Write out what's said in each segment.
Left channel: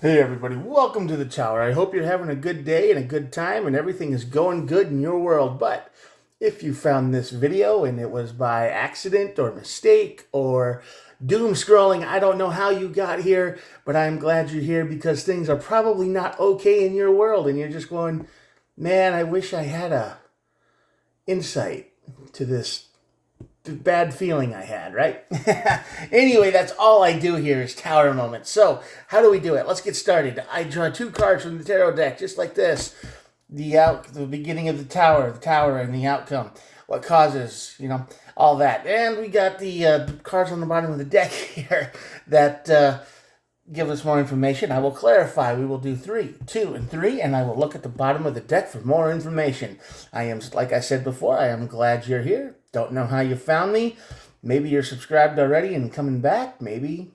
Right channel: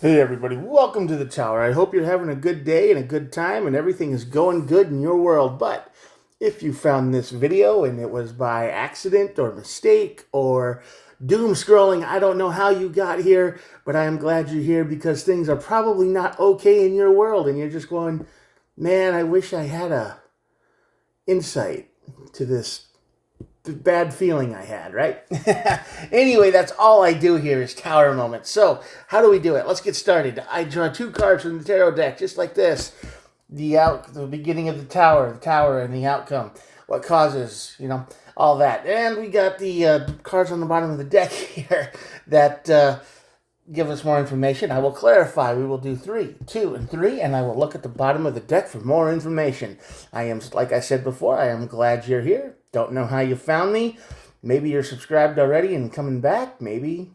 Hey everybody, welcome to the tower. I hope you're having a good day and a good time and everything is going good in your world. But if you found this video and it was by accident or mistake or doom scrolling, I don't know how you got here, but I am glad you're here because things are probably not okay in your world and you're just going, man, I wish I had a insight to this bad feeling I had, right? Anyway, that's all I do here is tower moments. So, how do we do it? Let's get started. I draw two cards from the tarot deck, just like this. The beginning of the tower, and the outcome. What causes, all that. And we got the cards on the bottom of the deck here that give us more information. I will clarify. We will do 3, 2, and 3, and I will look at the bottom of the deck for more information. I am, like I said before, I am glad you're here. Don't know how you found me. Maybe you're subscribed already and coming back. Maybe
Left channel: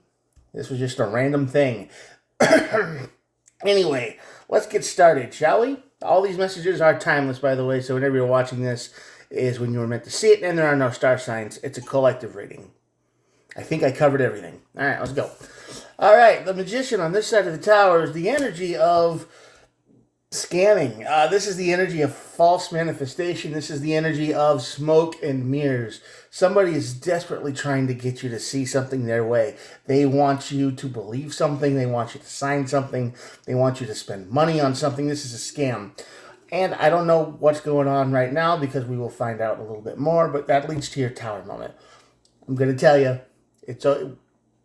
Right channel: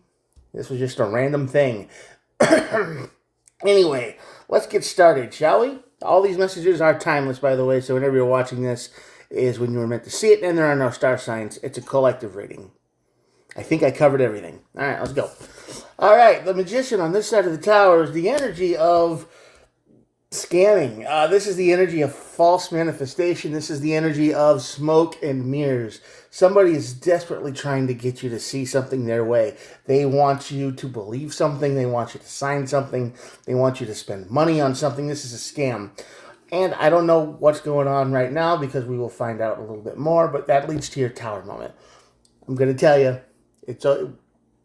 this was just a random thing. Anyway, let's get started, shall we? All these messages are timeless, by the way, so whenever you're watching this is when you were meant to see it, and there are no star signs. It's a collective reading. I think I covered everything. All right, let's go. All right, the magician on this side of the tower is the energy of scamming. This is the energy of false manifestation. This is the energy of smoke and mirrors. Somebody is desperately trying to get you to see something their way. They want you to believe something. They want you to sign something. They want you to spend money on something. This is a scam. And I don't know what's going on right now because we will find out a little bit more, but that leads to your tower moment. I'm going to tell you,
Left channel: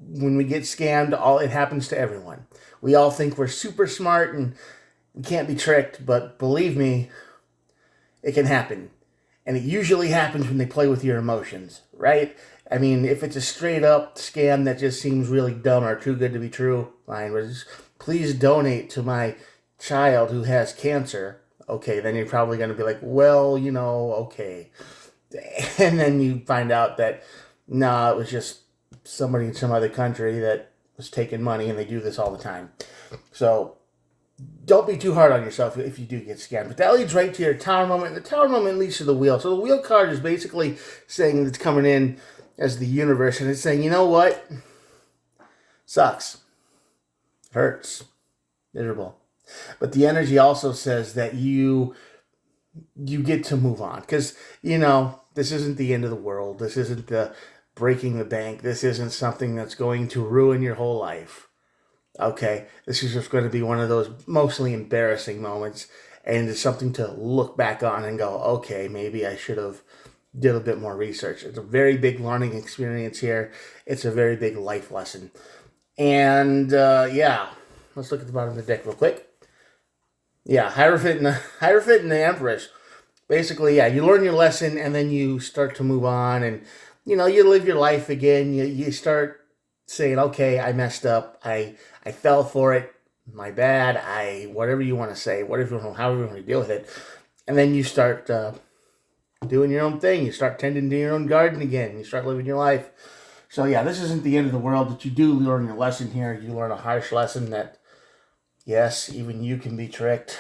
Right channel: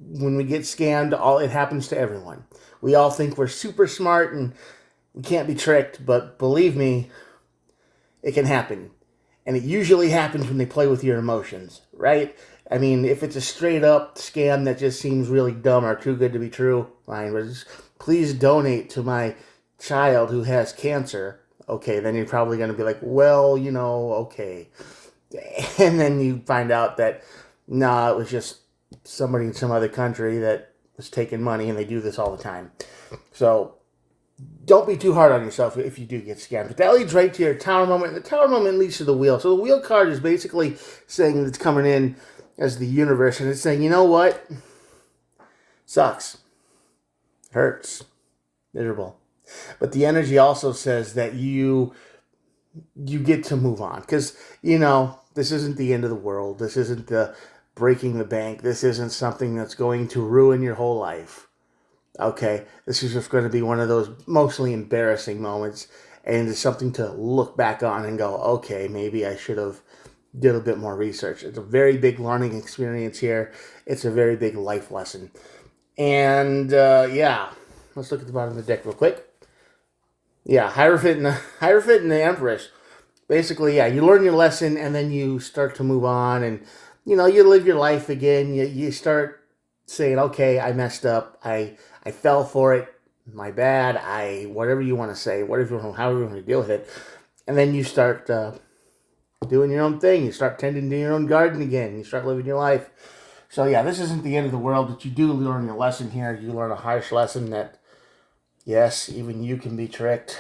when we get scammed, it happens to everyone. We all think we're super smart and we can't be tricked, but believe me, it can happen. And it usually happens when they play with your emotions, right? I mean, if it's a straight up scam that just seems really dumb or too good to be true, fine. Please donate to my child who has cancer. Okay, then you're probably going to be like, well, okay. And then you find out that, nah, it was just somebody in some other country that was taking money, and they do this all the time. So don't be too hard on yourself if you do get scammed. But that leads right to your tower moment. And the tower moment leads to the wheel. So the wheel card is basically saying it's coming in as the universe, and it's saying, you know what? Sucks. Hurts. Miserable. But the energy also says that you get to move on. Because, this isn't the end of the world. This isn't the breaking the bank. This isn't something that's going to ruin your whole life. Okay, this is just going to be one of those mostly embarrassing moments, and it's something to look back on and go, okay, maybe I should have did a bit more research. It's a very big learning experience here. It's a very big life lesson. And yeah, let's look at the bottom of the deck real quick. Yeah, Hierophant and the Empress. Basically, yeah, you learn your lesson and then you start to move on, and you live your life again. You start saying, okay, I messed up. I fell for it. My bad. Whatever you want to say, however you want to deal with it, and then you start doing your own thing. You start tending to your own garden again. You start living your life. So yeah, this isn't the end of the world, but you do learn your lesson here. You learn a harsh lesson that yes, even you can be tricked.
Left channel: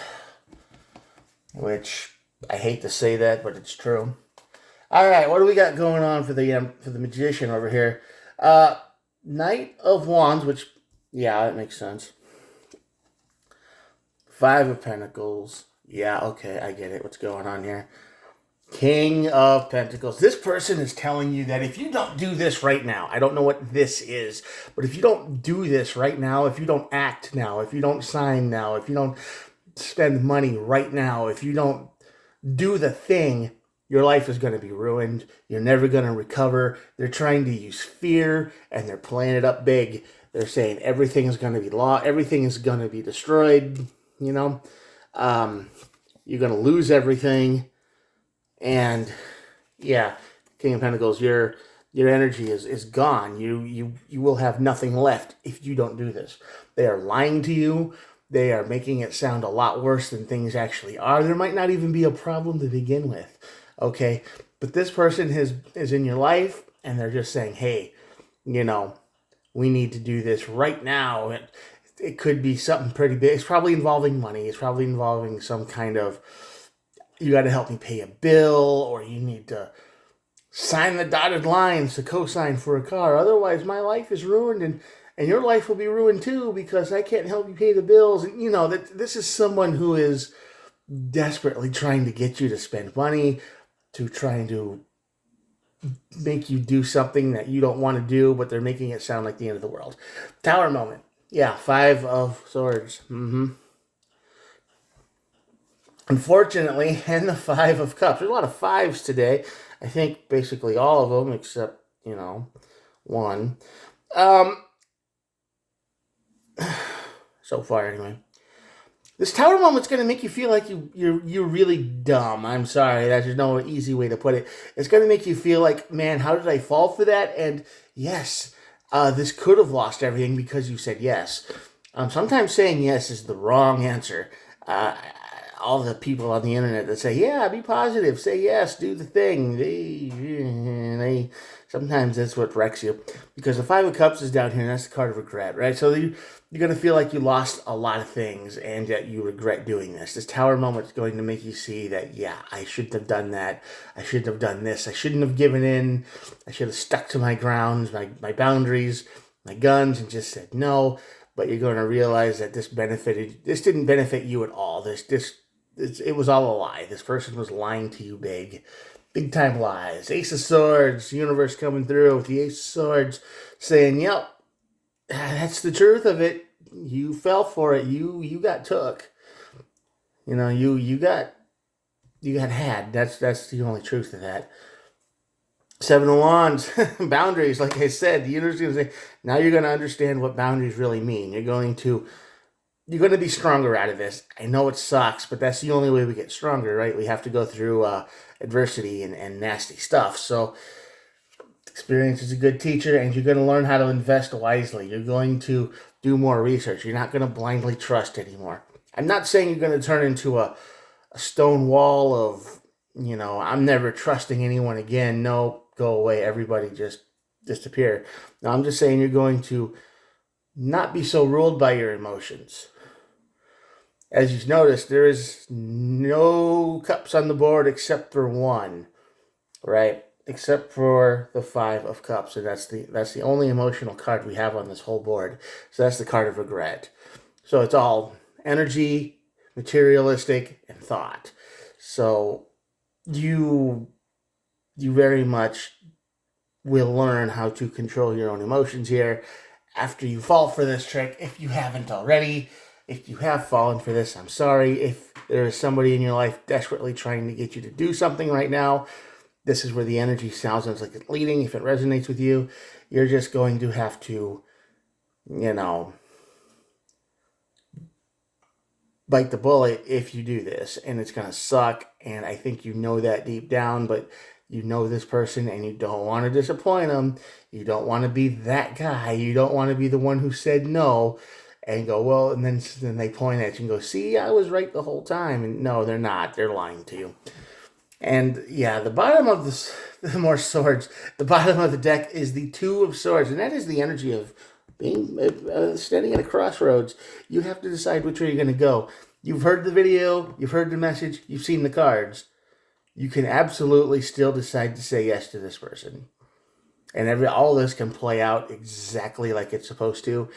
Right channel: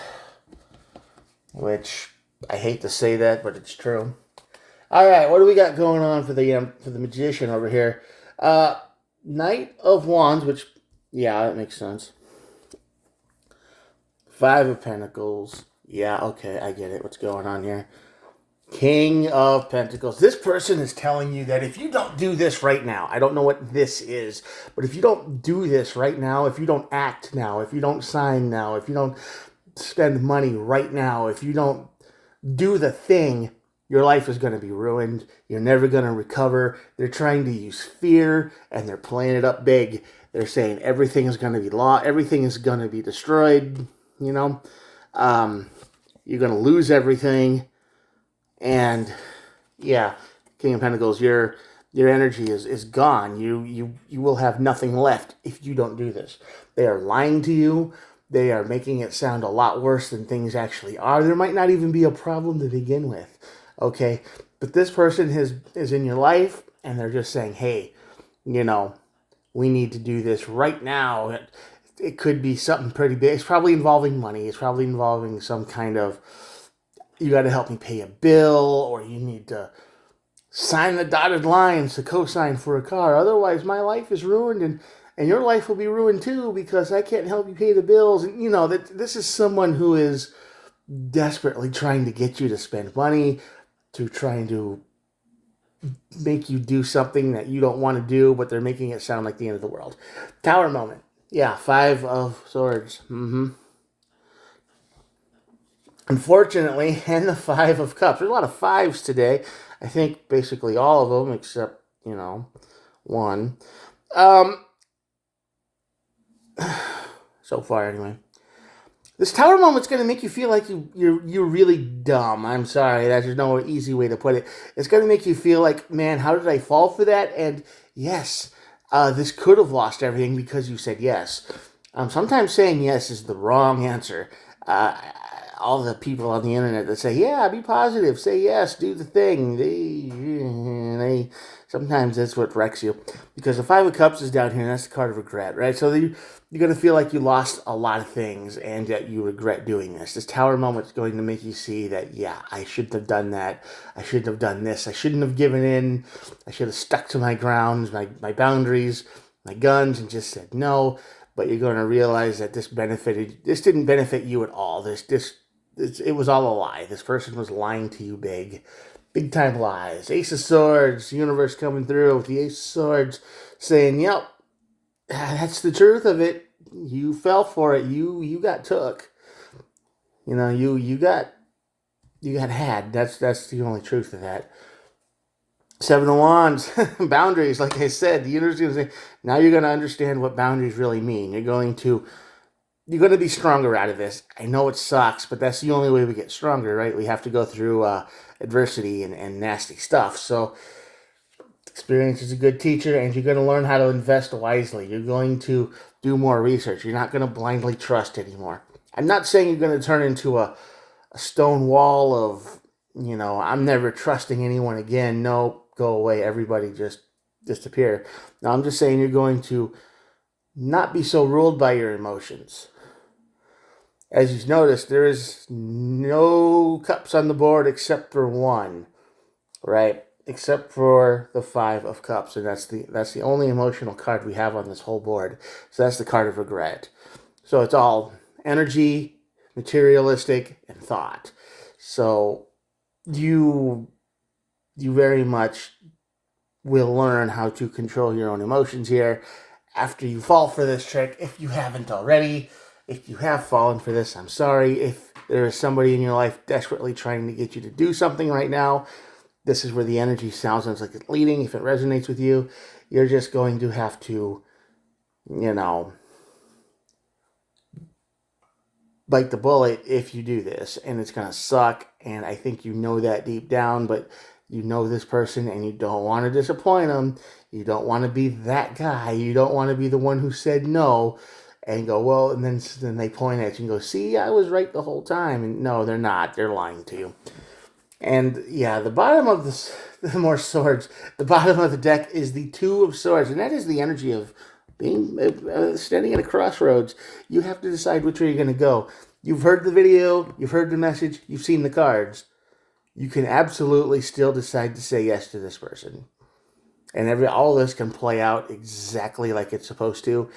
Which I hate to say that, but it's true. All right, what do we got going on for the magician over here? Knight of Wands, which, yeah, that makes sense. 5 of Pentacles. Yeah, okay, I get it. What's going on here? King of Pentacles. This person is telling you that if you don't do this right now, I don't know what this is, but if you don't do this right now, if you don't act now, if you don't sign now, if you don't spend money right now, if you don't do the thing, your life is going to be ruined. You're never going to recover. They're trying to use fear, and they're playing it up big. They're saying everything is going to be lost. Everything is going to be destroyed. You're going to lose everything. And yeah, King of Pentacles, your energy is gone. You will have nothing left if you don't do this. They are lying to you. They are making it sound a lot worse than things actually are. There might not even be a problem to begin with. Okay, but this person is in your life, and they're just saying, hey, we need to do this right now. It could be something pretty big. It's probably involving money. It's probably involving some kind of, you got to help me pay a bill, or you need to sign the dotted lines to co-sign for a car. Otherwise, my life is ruined, and and your life will be ruined too because I can't help you pay the bills. And that this is someone who is desperately trying to get you to spend money, to trying to make you do something that you don't want to do, but they're making it sound like the end of the world. Tower moment. Yeah, 5 of Swords. Unfortunately, and the 5 of Cups. There's a lot of 5s today. I think basically all of them except, one. So far, anyway. This tower moment's going to make you feel like you're really dumb. I'm sorry. There's no easy way to put it. It's going to make you feel like, man, how did I fall for that? And yes, this could have lost everything because you said yes. Sometimes saying yes is the wrong answer. All the people on the internet that say, yeah, be positive, say yes, do the thing. They sometimes that's what wrecks you. Because the 5 of Cups is down here, and that's the card of regret, right? So you're going to feel like you lost a lot of things and that you regret doing this. This tower moment is going to make you see that, yeah, I shouldn't have done that. I shouldn't have done this. I shouldn't have given in. I should have stuck to my grounds, my boundaries, my guns, and just said no. But you're going to realize that this didn't benefit you at all. It was all a lie. This person was lying to you big time lies. Ace of Swords, universe coming through with the Ace of Swords saying, yep, that's the truth of it. You fell for it. You got took. You got had. That's the only truth of that. 7 of Wands, boundaries. Like I said, the universe is going to say, now you're going to understand what boundaries really mean. You're going to be stronger out of this. I know it sucks, but that's the only way we get stronger, right? We have to go through adversity and nasty stuff. So experience is a good teacher, and you're going to learn how to invest wisely. You're going to do more research. You're not going to blindly trust anymore. I'm not saying you're going to turn into a stone wall of, I'm never trusting anyone again. No, go away. Everybody just disappear. Now, I'm just saying you're going to not be so ruled by your emotions. As you've noticed, there is no cups on the board except for one, right? Except for the 5 of Cups, and that's the only emotional card we have on this whole board. So that's the card of regret. So it's all energy, materialistic, and thought. So you very much will learn how to control your own emotions here after you fall for this trick, if you haven't already. If you have fallen for this, I'm sorry. If there's somebody in your life desperately trying to get you to do something right now, this is where the energy sounds like it's leading. If it resonates with you, you're just going to have to, bite the bullet if you do this. And it's going to suck. And I think you know that deep down, but you know this person and you don't want to disappoint them. You don't want to be that guy. You don't want to be the one who said no and go, well, and then they point at you and go, see, I was right the whole time. And no, they're not. They're lying to you. And yeah, the bottom of the more swords, the bottom of the deck is the 2 of Swords. And that is the energy of being standing at a crossroads. You have to decide which way you're going to go. You've heard the video. You've heard the message. You've seen the cards. You can absolutely still decide to say yes to this person. And all this can play out exactly like it's supposed to.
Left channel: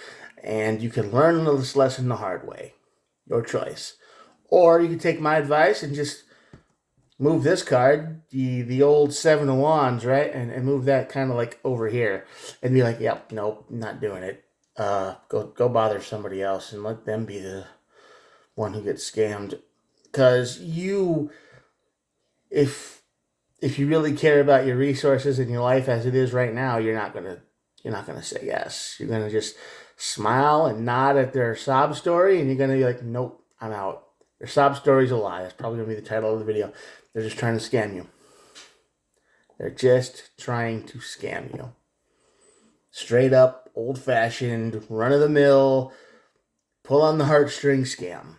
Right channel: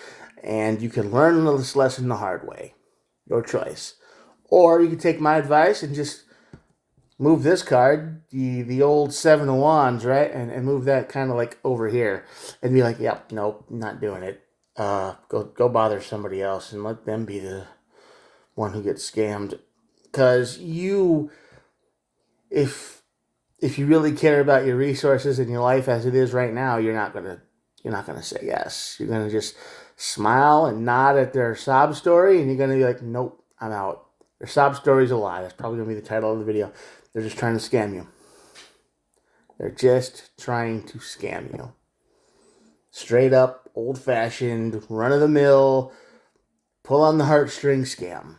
And you can learn this lesson the hard way. Your choice. Or you can take my advice and just move this card, the old 7 of Wands, right? And move that kind of like over here. And be like, yep, nope, not doing it. Go bother somebody else and let them be the one who gets scammed. Because if you really care about your resources in your life as it is right now, you're not gonna say yes. You're gonna just smile and nod at their sob story, and you're gonna be like, nope, I'm out. Their sob story's a lie. That's probably gonna be the title of the video. They're just trying to scam you. They're just trying to scam you. Straight up, old-fashioned, run-of-the-mill, pull on the heartstring scam.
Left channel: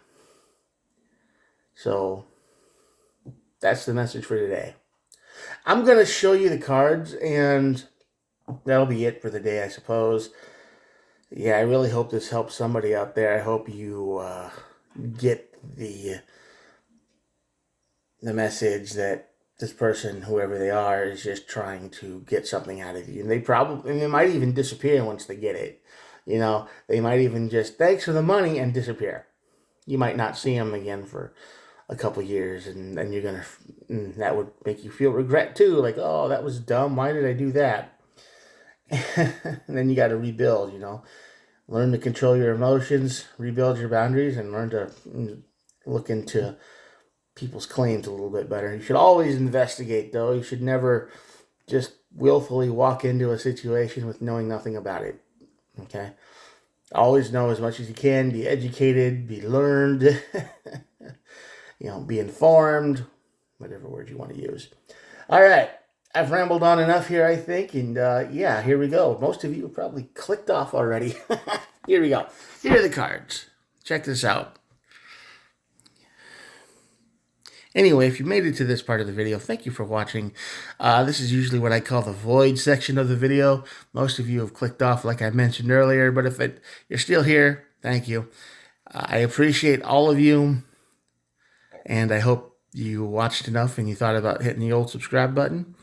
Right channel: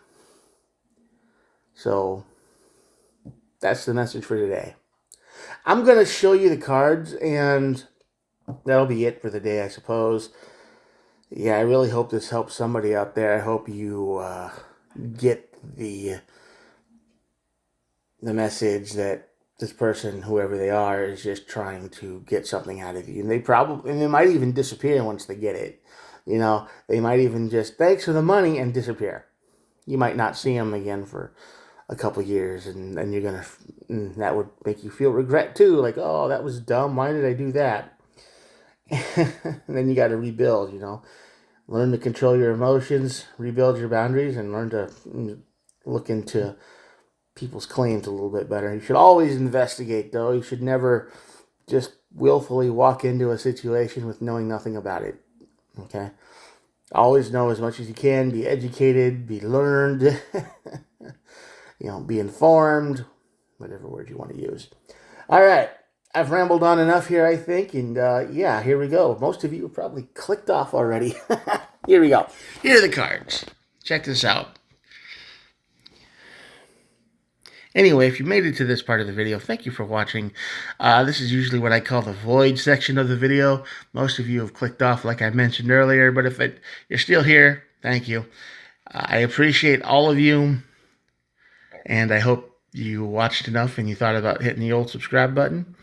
So that's the message for today. I'm going to show you the cards, and that'll be it for the day, I suppose. Yeah, I really hope this helps somebody out there. I hope you get the message that this person, whoever they are, is just trying to get something out of you. And they might even disappear once they get it. You know, they might even just thanks for the money and disappear. You might not see them again for a couple years, and then you're gonna, and that would make you feel regret too. Like, oh, that was dumb. Why did I do that? And then you got to rebuild. You know, learn to control your emotions, rebuild your boundaries, and learn to look into people's claims a little bit better. You should always investigate, though. You should never just willfully walk into a situation with knowing nothing about it. Okay? Always know as much as you can. Be educated, be learned, you know, be informed, whatever word you want to use. All right. I've rambled on enough here, I think. And yeah, here we go. Most of you have probably clicked off already. Here we go. Here are the cards. Check this out. Anyway, if you made it to this part of the video, thank you for watching. This is usually what I call the void section of the video. Most of you have clicked off like I mentioned earlier, but if you're still here, thank you. I appreciate all of you, and I hope you watched enough and you thought about hitting the old subscribe button.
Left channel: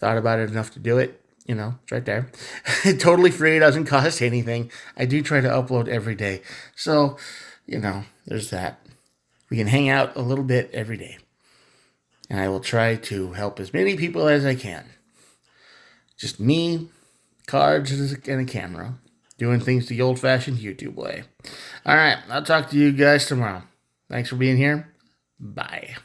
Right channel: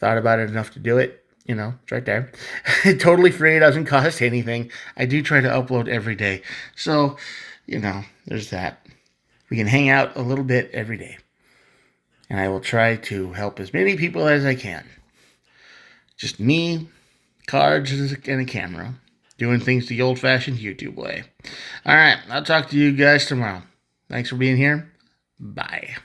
Thought about it enough to do it. You know, it's right there. Totally free. It doesn't cost anything. I do try to upload every day. So, you know, there's that. We can hang out a little bit every day. And I will try to help as many people as I can. Just me, cards, and a camera. Doing things the old-fashioned YouTube way. All right, I'll talk to you guys tomorrow. Thanks for being here. Bye.